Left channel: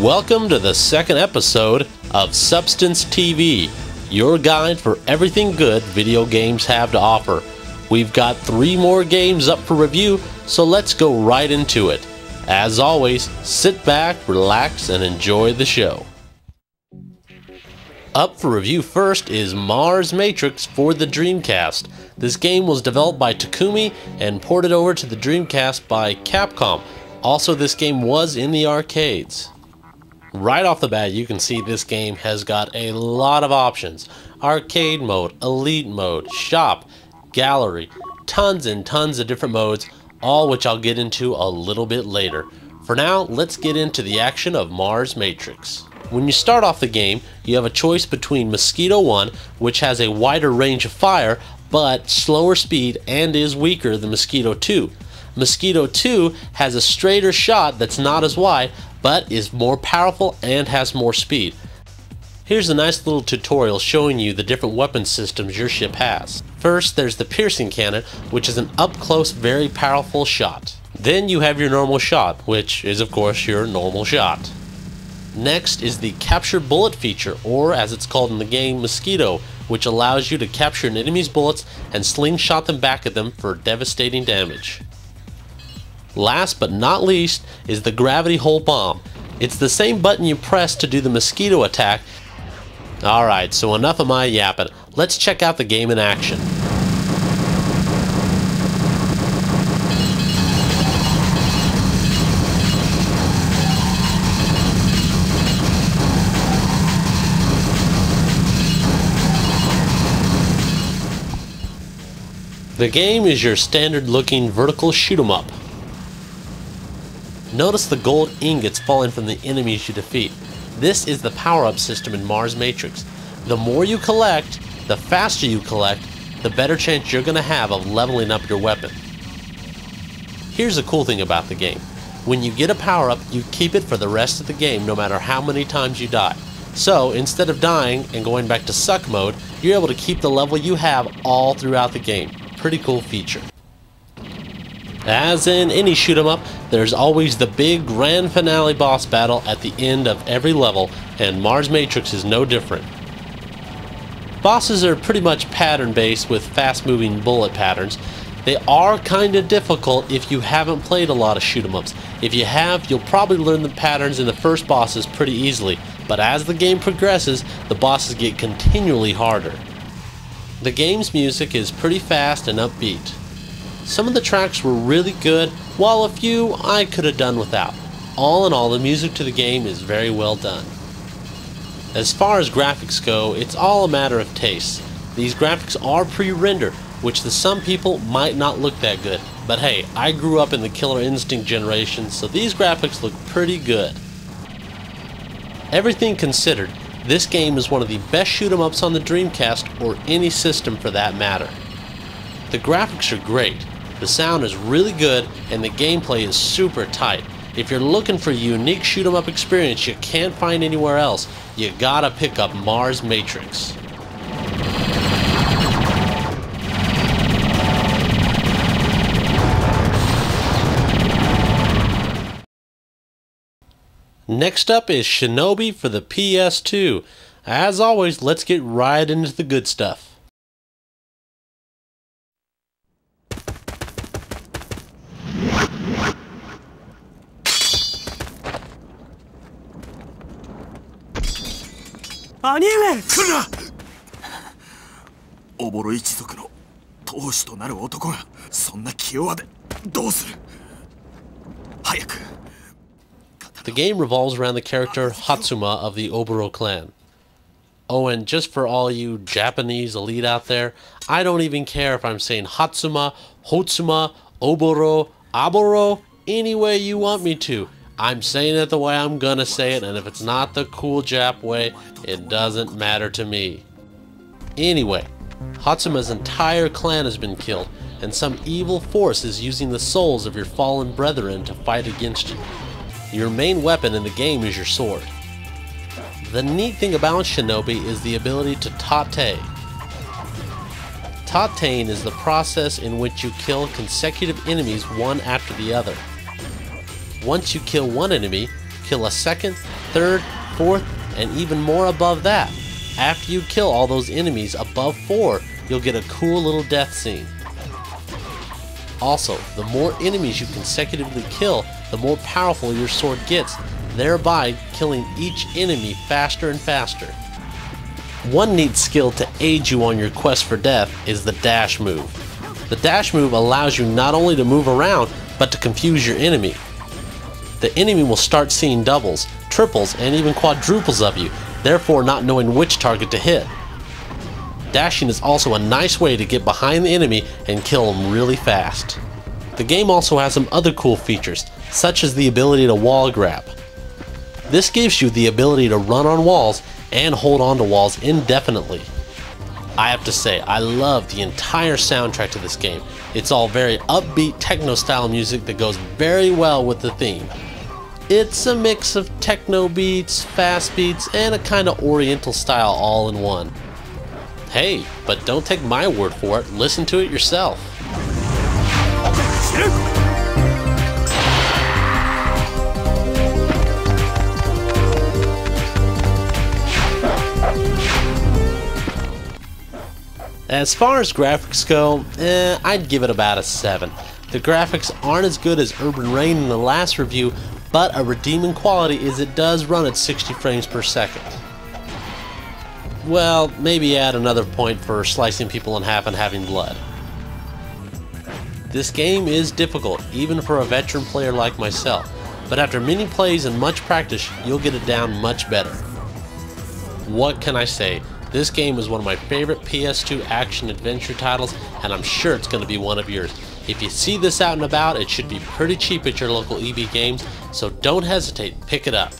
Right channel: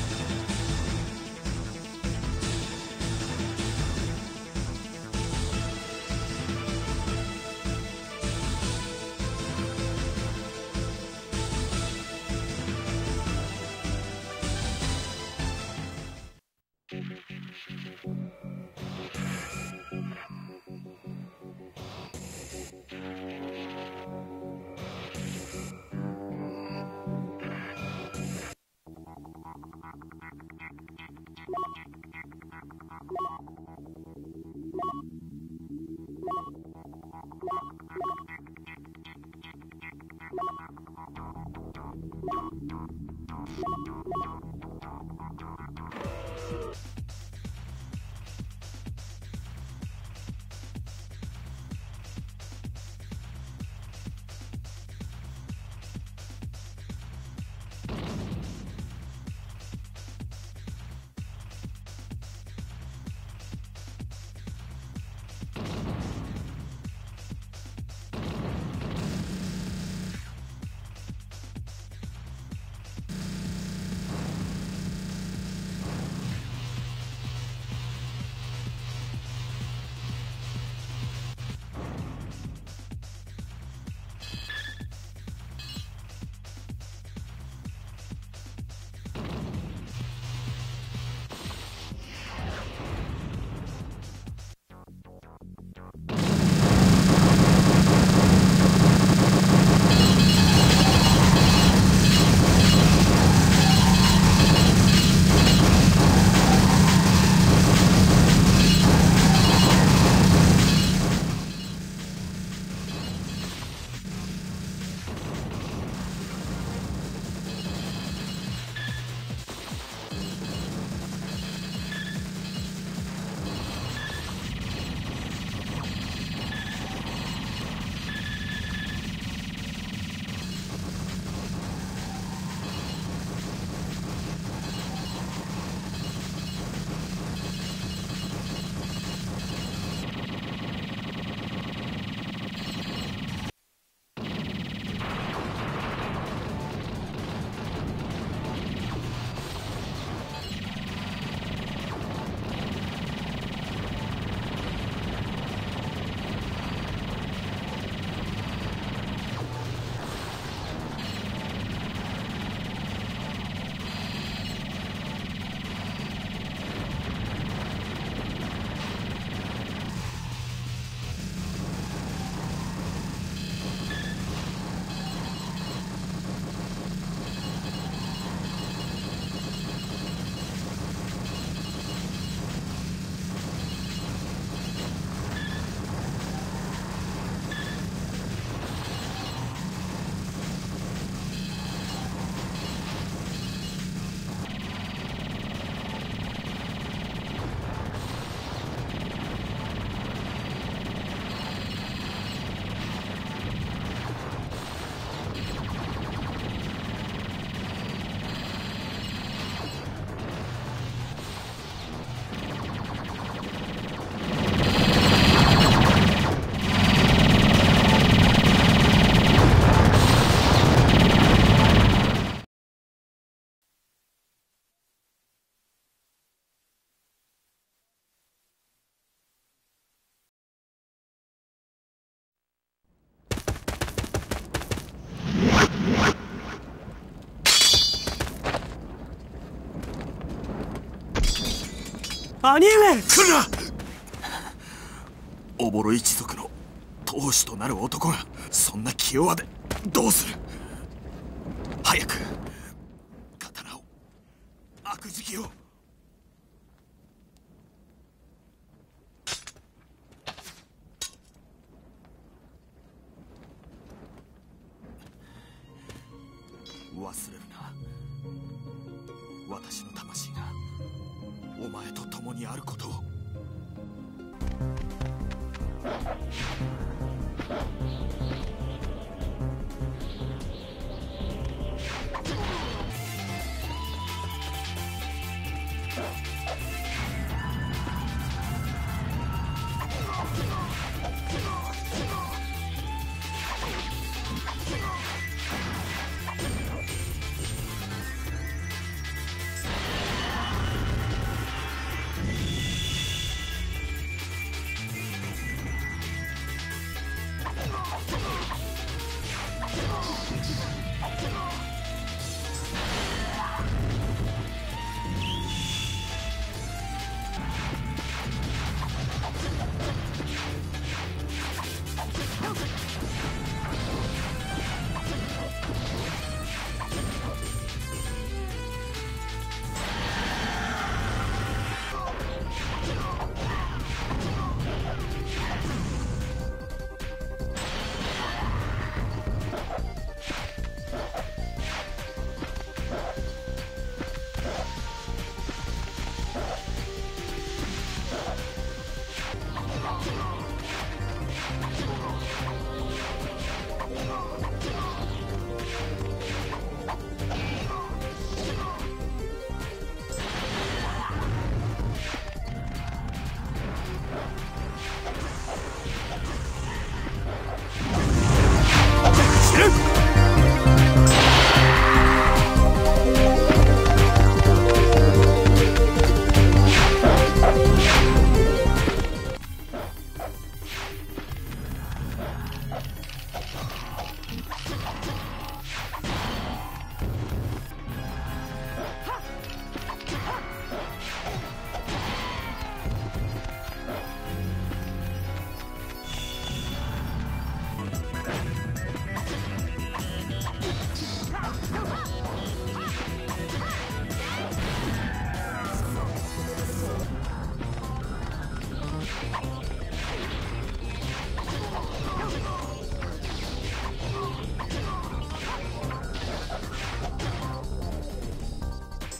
Welcome to the second episode of Substance TV, your guide for everything good video games have to offer. We've got 3 more games up for review, so let's go right into it. As always, sit back, relax, and enjoy the show. Up for review first is Mars Matrix for the Dreamcast. This game was developed by Takumi and ported over to the Dreamcast by Capcom. Also, this game was in the arcades. Right off the bat, you can see this game has got a lot of options. Arcade mode, elite mode, shop, gallery, tons and tons of different modes, all which I'll get into a little bit later. For now, let's get into the action of Mars Matrix. When you start off the game, you have a choice between Mosquito 1, which has a wider range of fire, but slower speed and is weaker than Mosquito 2. Mosquito 2 has a straighter shot that's not as wide, but is more powerful and has more speed. Here's a nice little tutorial showing you the different weapon systems your ship has. First, there's the piercing cannon, which is an up-close, very powerful shot. Then you have your normal shot, which is of course your normal shot. Next is the capture bullet feature, or as it's called in the game, Mosquito, which allows you to capture an enemy's bullets and slingshot them back at them for devastating damage. Last but not least is the gravity hole bomb. It's the same button you press to do the mosquito attack. Alright, so enough of my yapping. Let's check out the game in action. The game is your standard looking vertical shoot 'em up. Notice the gold ingots falling from the enemies you defeat. This is the power-up system in Mars Matrix. The more you collect, the faster you collect, the better chance you're going to have of leveling up your weapon. Here's the cool thing about the game. When you get a power-up, you keep it for the rest of the game no matter how many times you die. So instead of dying and going back to suck mode, you're able to keep the level you have all throughout the game. Pretty cool feature. As in any shoot 'em up, there's always the big grand finale boss battle at the end of every level, and Mars Matrix is no different. Bosses are pretty much pattern based with fast moving bullet patterns. They are kinda difficult if you haven't played a lot of shoot 'em ups. If you have, you'll probably learn the patterns in the first bosses pretty easily, but as the game progresses, the bosses get continually harder. The game's music is pretty fast and upbeat. Some of the tracks were really good, while a few I could have done without. All in all, the music to the game is very well done. As far as graphics go, it's all a matter of taste. These graphics are pre-rendered, which to some people might not look that good. But hey, I grew up in the Killer Instinct generation, so these graphics look pretty good. Everything considered, this game is one of the best shoot 'em ups on the Dreamcast, or any system for that matter. The graphics are great. The sound is really good, and the gameplay is super tight. If you're looking for a unique shoot 'em up experience you can't find anywhere else, you gotta pick up Mars Matrix. Next up is Shinobi for the PS2. As always, let's get right into the good stuff. Anime! 来るな！おぼろ一族の当主となる男がそんな気弱でどうする？早く。The game revolves around the character Hatsuma of the Oboro clan. Oh, and just for all you Japanese elite out there, I don't even care if I'm saying Hatsuma, Hotsuma, Oboro, Aboro, any way you want me to. I'm saying it the way I'm gonna say it, and if it's not the cool Jap way, it doesn't matter to me. Anyway, Hatsuma's entire clan has been killed, and some evil force is using the souls of your fallen brethren to fight against you. Your main weapon in the game is your sword. The neat thing about Shinobi is the ability to tate. Tateing is the process in which you kill consecutive enemies one after the other. Once you kill one enemy, kill a second, third, fourth, and even more above that. After you kill all those enemies above 4, you'll get a cool little death scene. Also, the more enemies you consecutively kill, the more powerful your sword gets, thereby killing each enemy faster and faster. One neat skill to aid you on your quest for death is the dash move. The dash move allows you not only to move around, but to confuse your enemy. The enemy will start seeing doubles, triples, and even quadruples of you, therefore not knowing which target to hit. Dashing is also a nice way to get behind the enemy and kill them really fast. The game also has some other cool features, such as the ability to wall grab. This gives you the ability to run on walls and hold on to walls indefinitely. I have to say, I love the entire soundtrack to this game. It's all very upbeat techno style music that goes very well with the theme. It's a mix of techno beats, fast beats, and a kind of oriental style all in one. Hey, but don't take my word for it, listen to it yourself. As far as graphics go, I'd give it about a 7. The graphics aren't as good as Urban Reign in the last review, but a redeeming quality is it does run at 60 frames per second. Well, maybe add another point for slicing people in half and having blood. This game is difficult, even for a veteran player like myself, but after many plays and much practice, you'll get it down much better. What can I say? This game is one of my favorite PS2 action-adventure titles, and I'm sure it's going to be one of yours. If you see this out and about, it should be pretty cheap at your local EB Games, so don't hesitate, pick it up.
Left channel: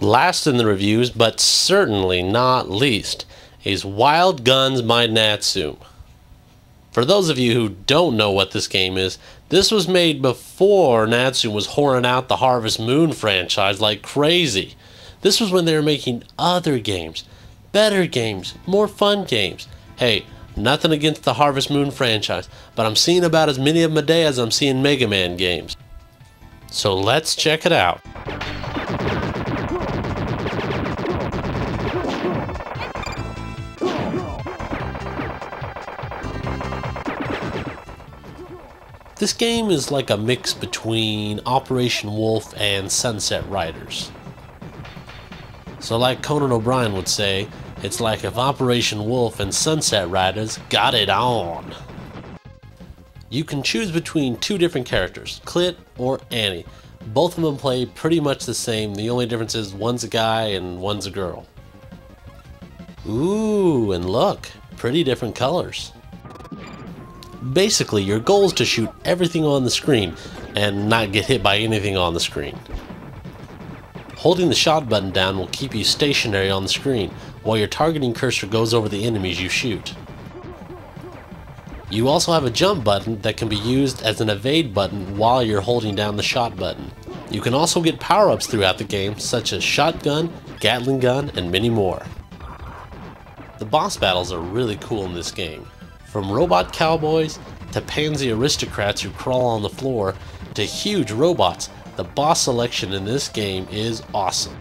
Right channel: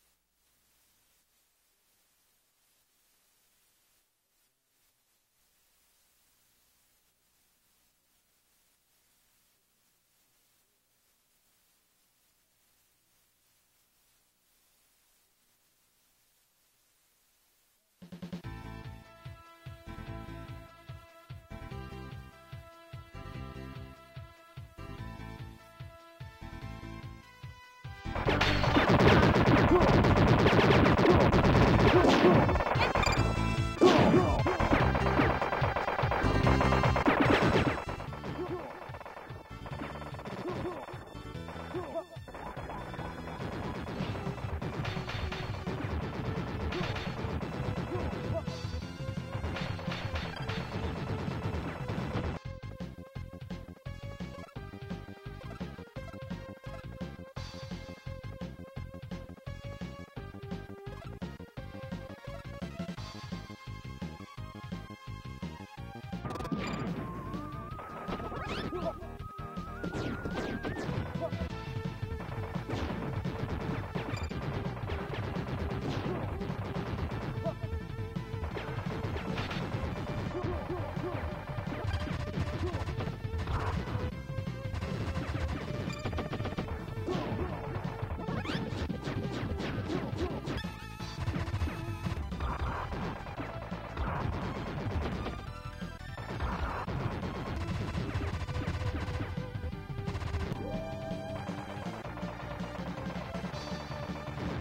Last in the reviews, but certainly not least, is Wild Guns by Natsume. For those of you who don't know what this game is, this was made before Natsume was whoring out the Harvest Moon franchise like crazy. This was when they were making other games, better games, more fun games. Hey, nothing against the Harvest Moon franchise, but I'm seeing about as many of them a day as I'm seeing Mega Man games. So let's check it out. This game is like a mix between Operation Wolf and Sunset Riders. So like Conan O'Brien would say, it's like if Operation Wolf and Sunset Riders got it on. You can choose between two different characters, Clit or Annie. Both of them play pretty much the same, the only difference is one's a guy and one's a girl. Ooh, and look, pretty different colors. Basically, your goal is to shoot everything on the screen and not get hit by anything on the screen. Holding the shot button down will keep you stationary on the screen while your targeting cursor goes over the enemies you shoot. You also have a jump button that can be used as an evade button while you're holding down the shot button. You can also get power-ups throughout the game such as shotgun, Gatling gun, and many more. The boss battles are really cool in this game. From robot cowboys to pansy aristocrats who crawl on the floor to huge robots, the boss selection in this game is awesome.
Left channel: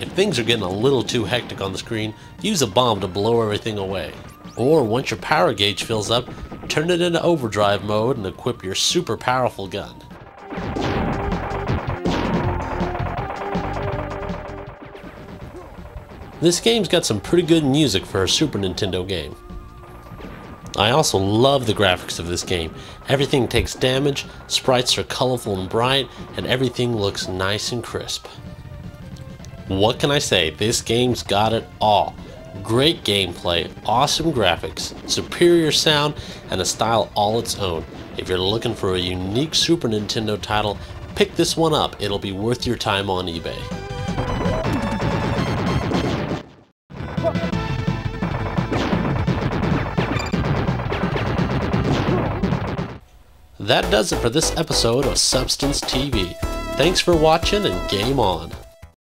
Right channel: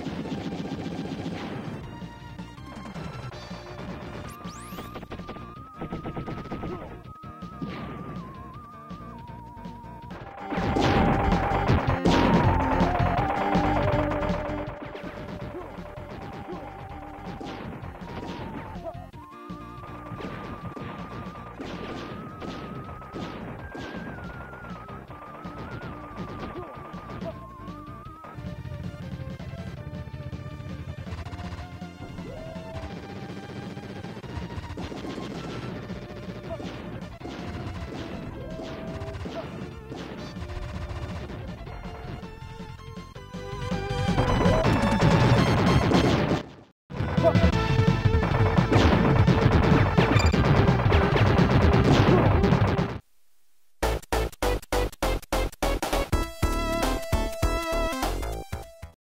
If things are getting a little too hectic on the screen, use a bomb to blow everything away. Or once your power gauge fills up, turn it into overdrive mode and equip your super powerful gun. This game's got some pretty good music for a Super Nintendo game. I also love the graphics of this game. Everything takes damage, sprites are colorful and bright, and everything looks nice and crisp. What can I say? This game's got it all. Great gameplay, awesome graphics, superior sound, and a style all its own. If you're looking for a unique Super Nintendo title, pick this one up. It'll be worth your time on eBay. That does it for this episode of Substance TV. Thanks for watching and game on.